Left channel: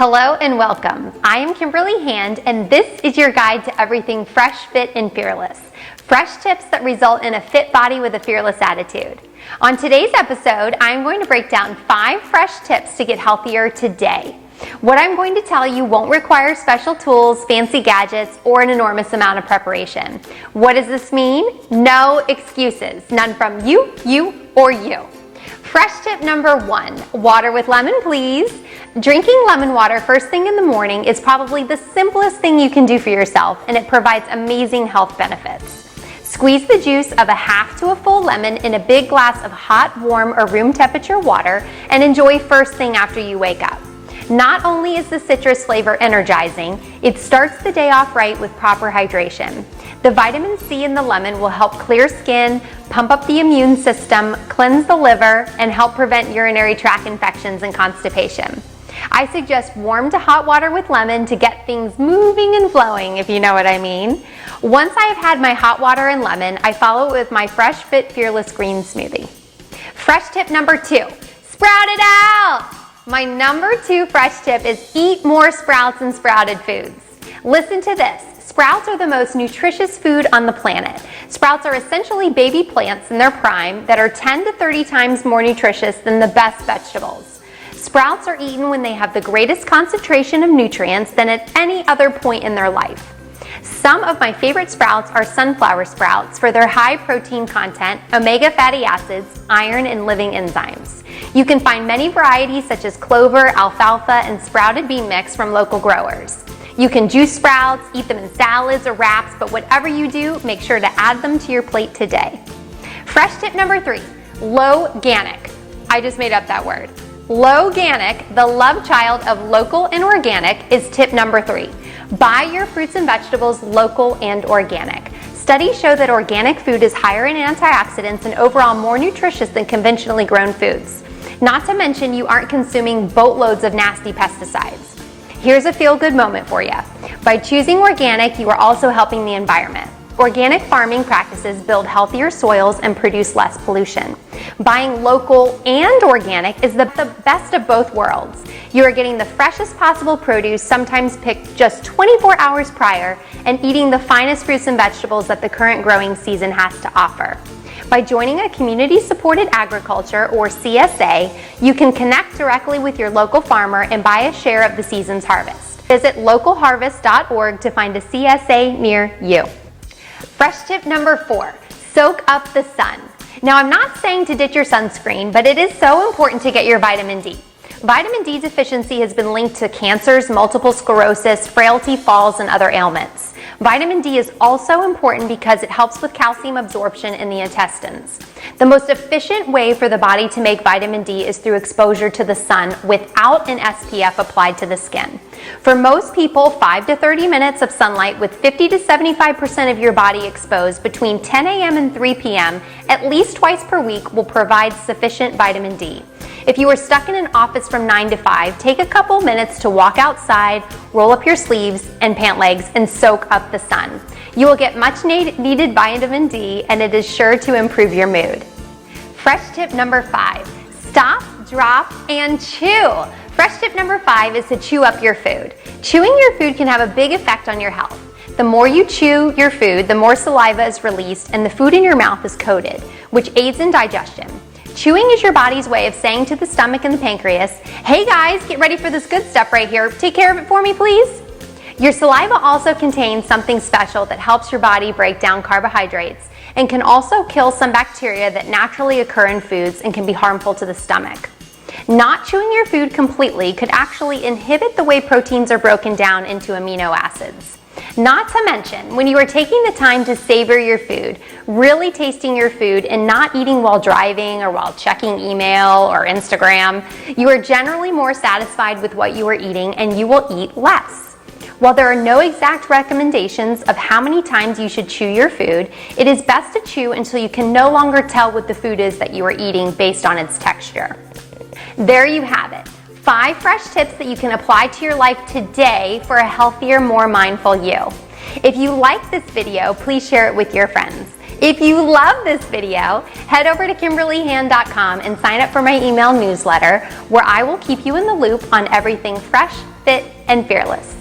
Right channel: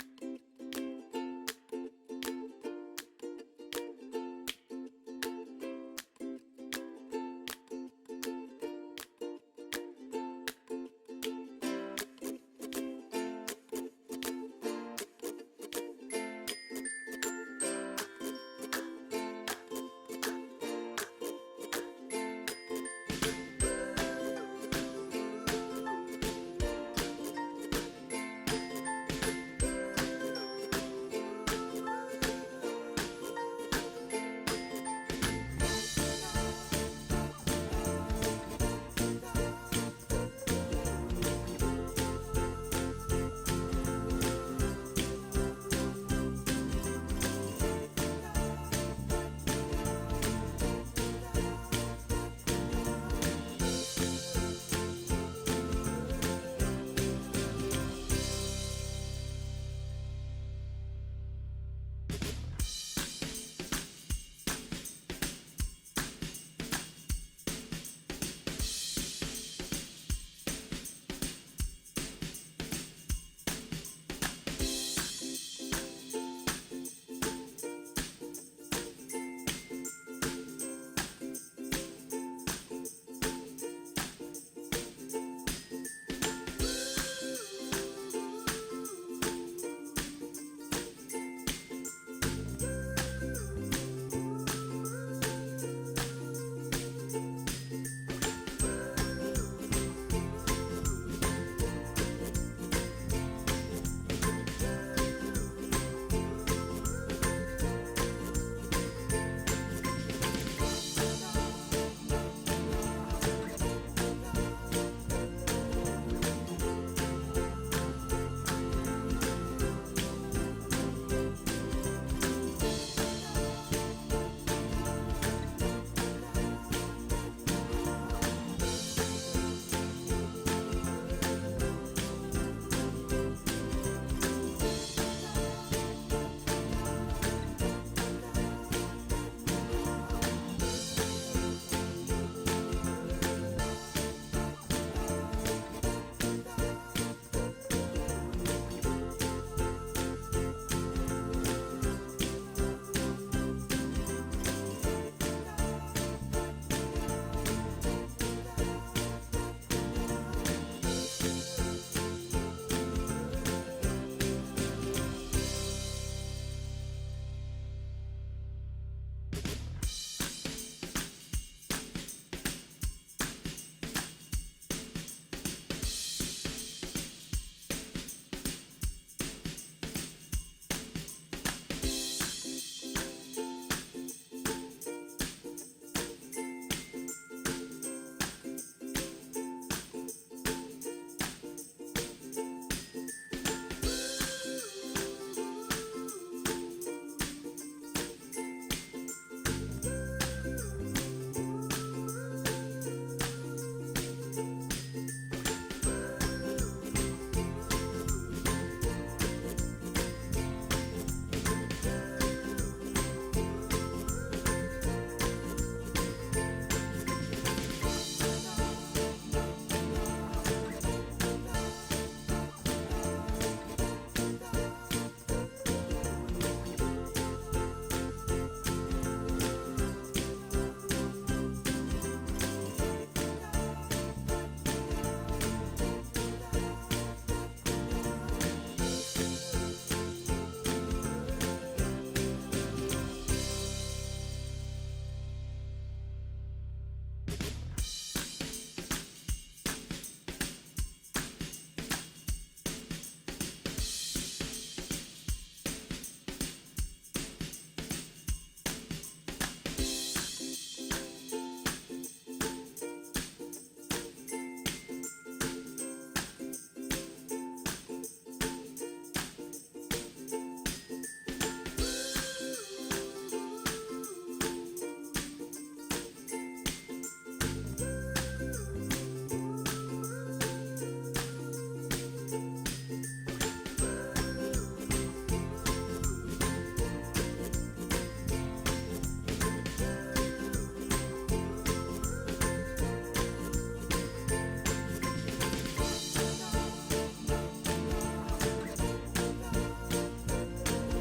Hello and welcome. I am Kimberly Hand, and this is your guide to everything fresh, fit, and fearless. Fresh tips that result in a fit body with a fearless attitude. On today's episode, I'm going to break down 5 fresh tips to get healthier today. What I'm going to tell you won't require special tools, fancy gadgets, or an enormous amount of preparation. What does this mean? No excuses. None from you, or you. Fresh tip number 1, water with lemon, please. Drinking lemon water first thing in the morning is probably the simplest thing you can do for yourself, and it provides amazing health benefits. Squeeze the juice of a half to a full lemon in a big glass of hot, warm, or room temperature water and enjoy first thing after you wake up. Not only is the citrus flavor energizing, it starts the day off right with proper hydration. The vitamin C in the lemon will help clear skin, pump up the immune system, cleanse the liver, and help prevent urinary tract infections and constipation. I suggest warm to hot water with lemon to get things moving and flowing, if you know what I mean. Once I have had my hot water and lemon, I follow it with my Fresh Fit Fearless Green Smoothie. Fresh tip number 2, sprout it out! My number 2 fresh tip is eat more sprouts and sprouted foods. Listen to this. Sprouts are the most nutritious food on the planet. Sprouts are essentially baby plants in their prime that are 10 to 30 times more nutritious than the best vegetables. Sprouts are eaten when they have the greatest concentration of nutrients than at any other point in their life. Some of my favorite sprouts are sunflower sprouts for their high protein content, omega fatty acids, iron, and living enzymes. You can find many varieties such as clover, alfalfa, and sprouted bean mix from local growers. You can juice sprouts, eat them in salads or wraps, but whatever you do, make sure to add them to your plate today. Fresh tip number 3, low-ganic. I just made up that word. Low-ganic, the love child of local and organic, is tip number 3. Buy your fruits and vegetables local and organic. Studies show that organic food is higher in antioxidants and overall more nutritious than conventionally grown foods. Not to mention you aren't consuming boatloads of nasty pesticides. Here's a feel-good moment for you. By choosing organic, you are also helping the environment. Organic farming practices build healthier soils and produce less pollution. Buying local and organic is the best of both worlds. You are getting the freshest possible produce, sometimes picked just 24 hours prior, and eating the finest fruits and vegetables that the current growing season has to offer. By joining a community-supported agriculture, or CSA, you can connect directly with your local farmer and buy a share of the season's harvest. Visit localharvest.org to find a CSA near you. Fresh tip number 4, soak up the sun. Now, I'm not saying to ditch your sunscreen, but it is so important to get your vitamin D. Vitamin D deficiency has been linked to cancers, multiple sclerosis, frailty, falls, and other ailments. Vitamin D is also important because it helps with calcium absorption in the intestines. The most efficient way for the body to make vitamin D is through exposure to the sun without an SPF applied to the skin. For most people, 5 to 30 minutes of sunlight with 50 to 75% of your body exposed between 10 a.m. and 3 p.m. at least twice per week will provide sufficient vitamin D. If you are stuck in an office from 9 to 5, take a couple minutes to walk outside, roll up your sleeves and pant legs, and soak up the sun. You will get much needed vitamin D, and it is sure to improve your mood. Fresh tip number 5, stop, drop, and chew. Fresh tip number 5 is to chew up your food. Chewing your food can have a big effect on your health. The more you chew your food, the more saliva is released and the food in your mouth is coated, which aids in digestion. Chewing is your body's way of saying to the stomach and the pancreas, hey guys, get ready for this good stuff right here. Take care of it for me, please. Your saliva also contains something special that helps your body break down carbohydrates and can also kill some bacteria that naturally occur in foods and can be harmful to the stomach. Not chewing your food completely could actually inhibit the way proteins are broken down into amino acids. Not to mention, when you are taking the time to savor your food, really tasting your food and not eating while driving or while checking email or Instagram, you are generally more satisfied with what you are eating and you will eat less. While there are no exact recommendations of how many times you should chew your food, it is best to chew until you can no longer tell what the food is that you are eating based on its texture. There you have it. 5 fresh tips that you can apply to your life today for a healthier, more mindful you. If you like this video, please share it with your friends. If you love this video, head over to KimberlyHand.com and sign up for my email newsletter, where I will keep you in the loop on everything fresh, fit, fit, and fearless.